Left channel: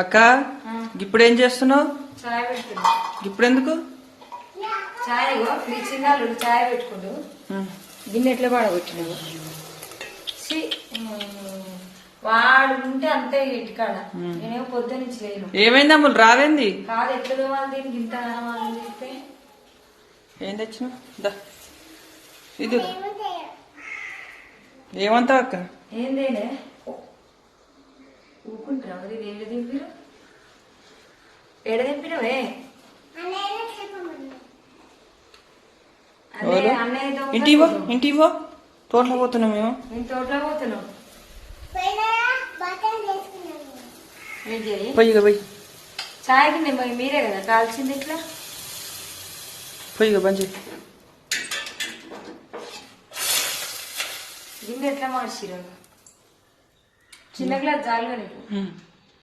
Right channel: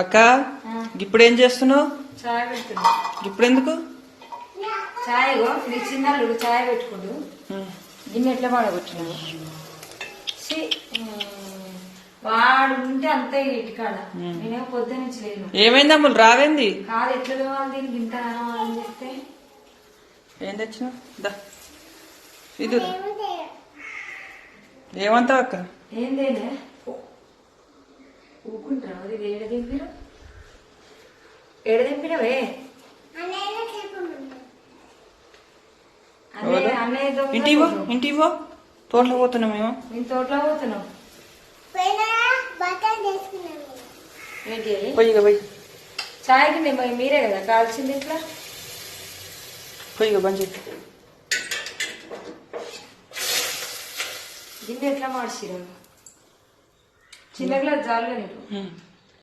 అక్క ఇప్పుడు ఏం చేస్తున్నావు? చాయ్ పెడుతున్నా. ఇప్పుడు ఎందుకు చాయ్ మీ చిన్నాడు చాయ్ పెట్టుకోడు గిన్నె ఎట్లా పడగొచ్చినావు? వాడు ఉంటే అంతే ఇటుకాడ. నేనేమో పొద్దు నుంచి లేను. ఏమైంది అమ్ములు రావేంది? కాదు ఎట్లా తోవాలి దీనికి ఇంత అని చెప్తే ఏం తెచ్చినావు? ఇది ఏమంటావు అక్క? ఏందేలే ఊకుంటారా? అది ఏడ దింపినవే? ఇంటివో తోటలో పోతున్నాం మేము. నేను తోటలో పోతున్నాం. పోయి చాయ్ కింద మీరే కదా కాల్చింది. ఇట్లా పోయి బంద్ గిన్నె ఎట్లా మార్చిరా? చిన్న గ్లాస్ జారులో నీకు